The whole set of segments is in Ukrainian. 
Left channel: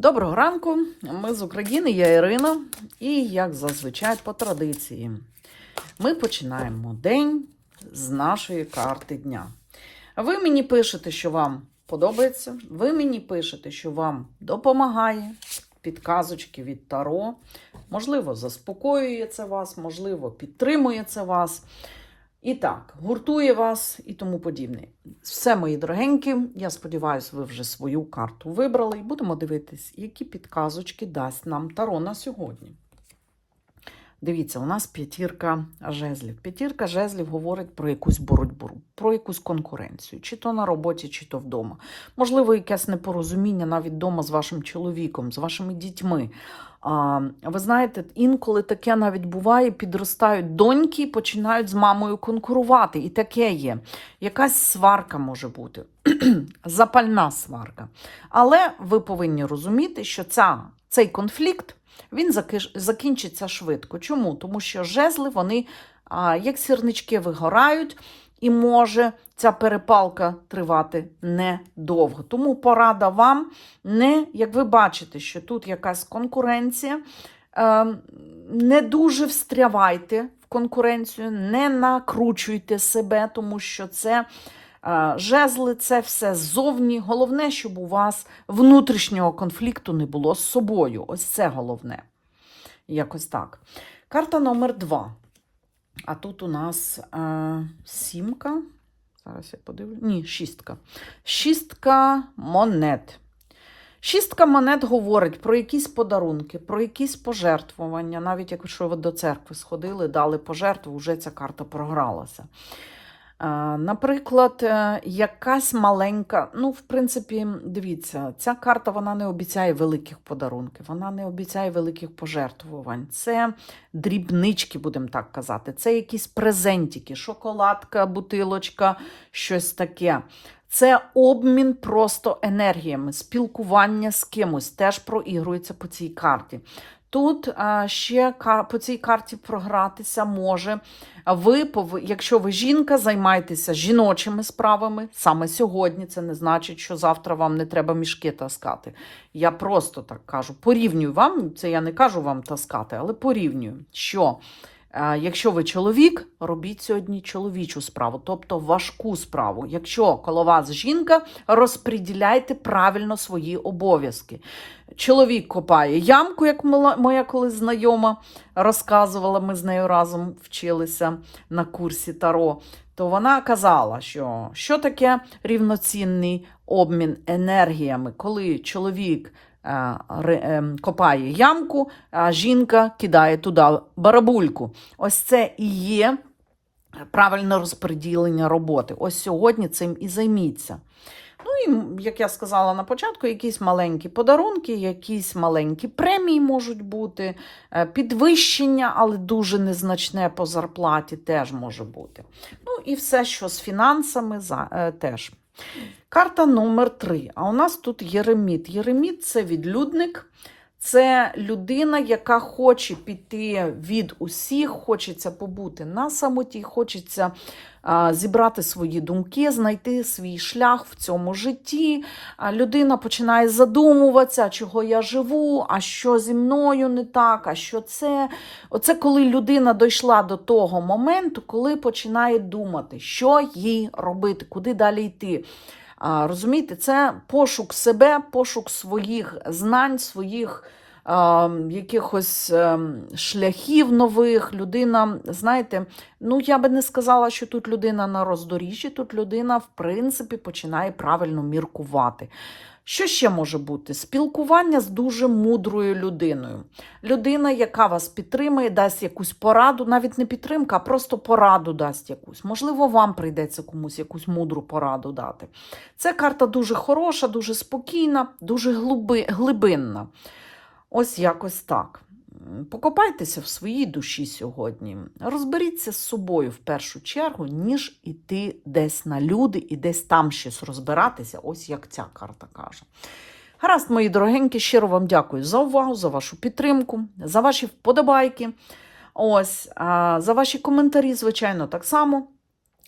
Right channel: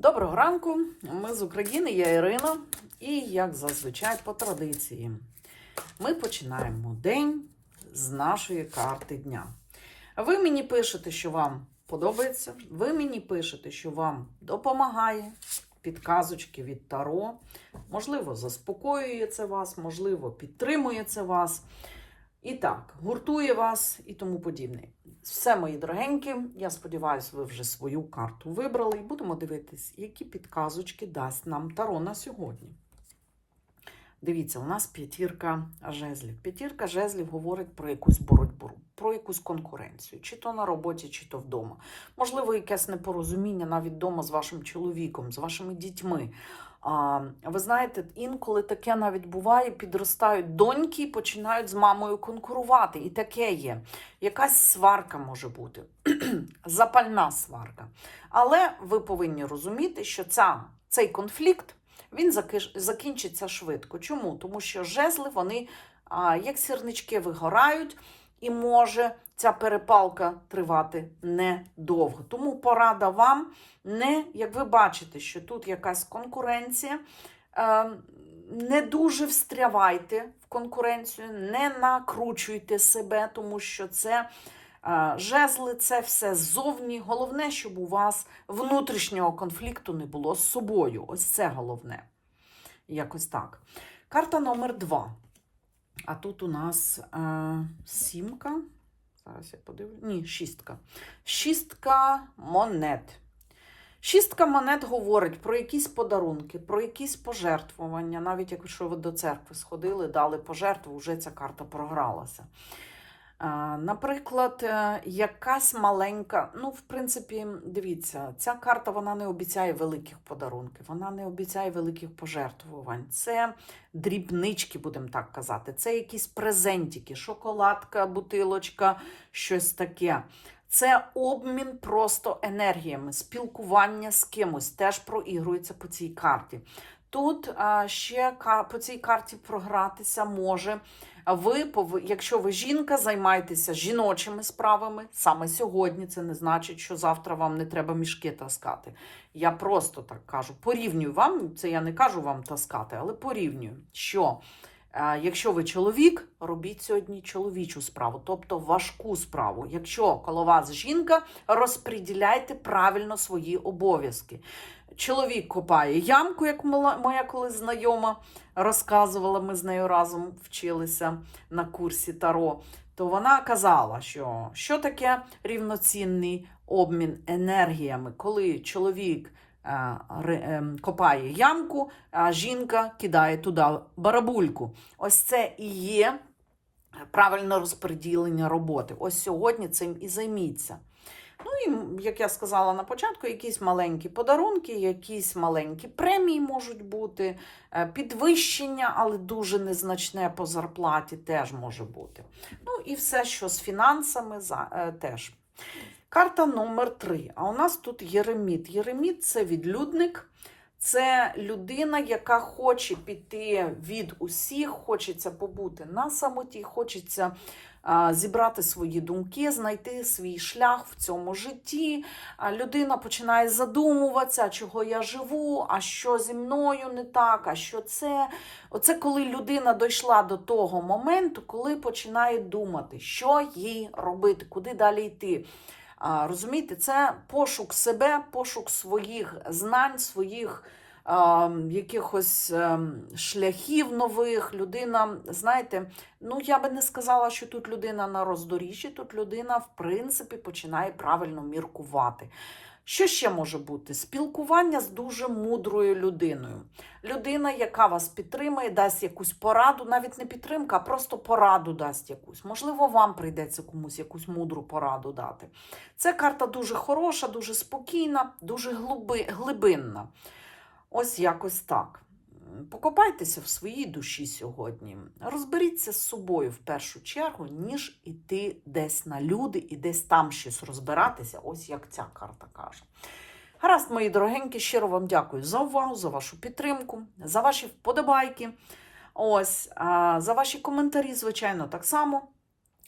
Доброго ранку, ми з України, я Ірина, і як зазвичай по традиції, ми починаємо день з нашої карти дня. Ви мені пишете, що вам подобається, ви мені пишете, що вам допомагає підказочки від Таро. Можливо, заспокоює це вас, можливо, підтримує це вас. І так, гуртує вас і тому подібне. Все, мої дорогенькі, я сподіваюся, ви вже свою карту вибрали і будемо дивитись, які підказочки дасть нам Таро на сьогодні. Дивіться, у нас п'ятірка жезлів. П'ятірка жезлів говорить про якусь боротьбу, про якусь конкуренцію, чи то на роботі, чи то вдома. Можливо, якесь непорозуміння навіть вдома з вашим чоловіком, з вашими дітьми. А, ви знаєте, інколи таке навіть буває, підростають доньки і починають з мамою конкурувати. І таке є. Якась сварка може бути, запальна сварка. Але ви повинні розуміти, що ця, цей конфлікт він закінчиться швидко. Чому? Тому що жезли, вони як сірнички вигорають, і може ця перепалка тривати недовго. Тому порада вам не, як ви бачите, що тут якась конкуренція. е, Не дуже встрявайте в конкуренцію, не накручуйте себе, тому що це е, жезли, це все ззовні. Головне, щоб у вас внутрішнього конфлікту не було з собою. Ось це головне. Якось так. Карта номер два. А тут у нас е, сімка. Зараз я подивлюся. Ні, шістка. Шістка монет. Шістка монет говорить про якісь подарунки, про якісь пожертвування. Навіть якщо ви до церкви сходили, дали пожертву, вже ця карта програлася. Наприклад, е, якась маленька, ну, в принципі, дивіться, ця карта вона не обіцяє великих подарунків, вона не обіцяє великих пожертвувань. Це дрібнички, будемо так казати. Це якісь презентики, шоколадка, бутилочка, щось таке. Це обмін просто енергіями, спілкування з кимось теж проігрується по цій карті. Тут ще по цій карті програтися може. Ви, якщо ви жінка, займайтеся жіночими справами саме сьогодні. Це не значить, що завтра вам не треба мішки таскати. Я просто так кажу, порівнюю вам, це я не кажу вам таскати, але порівнюю, що якщо ви чоловік, робіть сьогодні чоловічу справу, тобто важку справу. Якщо коло вас жінка, розподіляйте правильно свої обов'язки. Чоловік копає ямку, як моя колись знайома розказувала, ми з нею разом вчилися на курсі Таро. То вона казала, що що таке рівноцінний обмін енергіями, коли чоловік е, е, копає ямку, а жінка кидає туди барабульку. Ось це і є правильне розподілення роботи. Ось сьогодні цим і займіться. Ну і, як я сказала на початку, якісь маленькі подарунки, якісь маленькі премії можуть бути, е, підвищення, але дуже незначне по зарплаті теж може бути. Ну і все, що з фінансами, е, теж. Карта номер 3. А у нас тут Єреміт. Єреміт це відлюдник. Це людина, яка хоче піти від усіх, хочеться побути на самоті, хочеться зібрати свої думки, знайти свій шлях в цьому житті. Людина починає задумуватися, чого я живу, а що зі мною не так, а що це. Оце коли людина дійшла до того моменту, коли починає думати, що їй робити, куди далі йти. Розумієте, це пошук себе, пошук своїх знань, своїх е, якихось шляхів нових. Людина, знаєте, ну я би не сказала, що тут людина на роздоріжжі, тут людина, в принципі, починає правильно міркувати. Що ще може бути? Спілкування з дуже мудрою людиною. Людина, яка вас підтримує, дасть якусь пораду, навіть не підтримка, а просто пораду дасть якусь. Можливо, вам прийдеться комусь якусь мудру пораду дати. Ця карта дуже хороша, дуже спокійна, дуже глибинна. Ось якось так. Покопайтеся в своїй душі сьогодні. Розберіться з собою в першу чергу, ніж іти десь на люди і десь там щось розбиратися, ось як ця карта каже. Гаразд, мої дорогенькі, щиро вам дякую за увагу, за вашу підтримку, за ваші вподобайки. Ось, за ваші коментарі, звичайно, так само.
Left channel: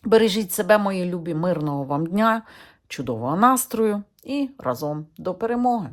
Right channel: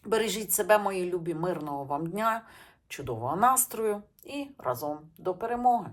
Бережіть себе, мої любі, мирного вам дня, чудового настрою і разом до перемоги!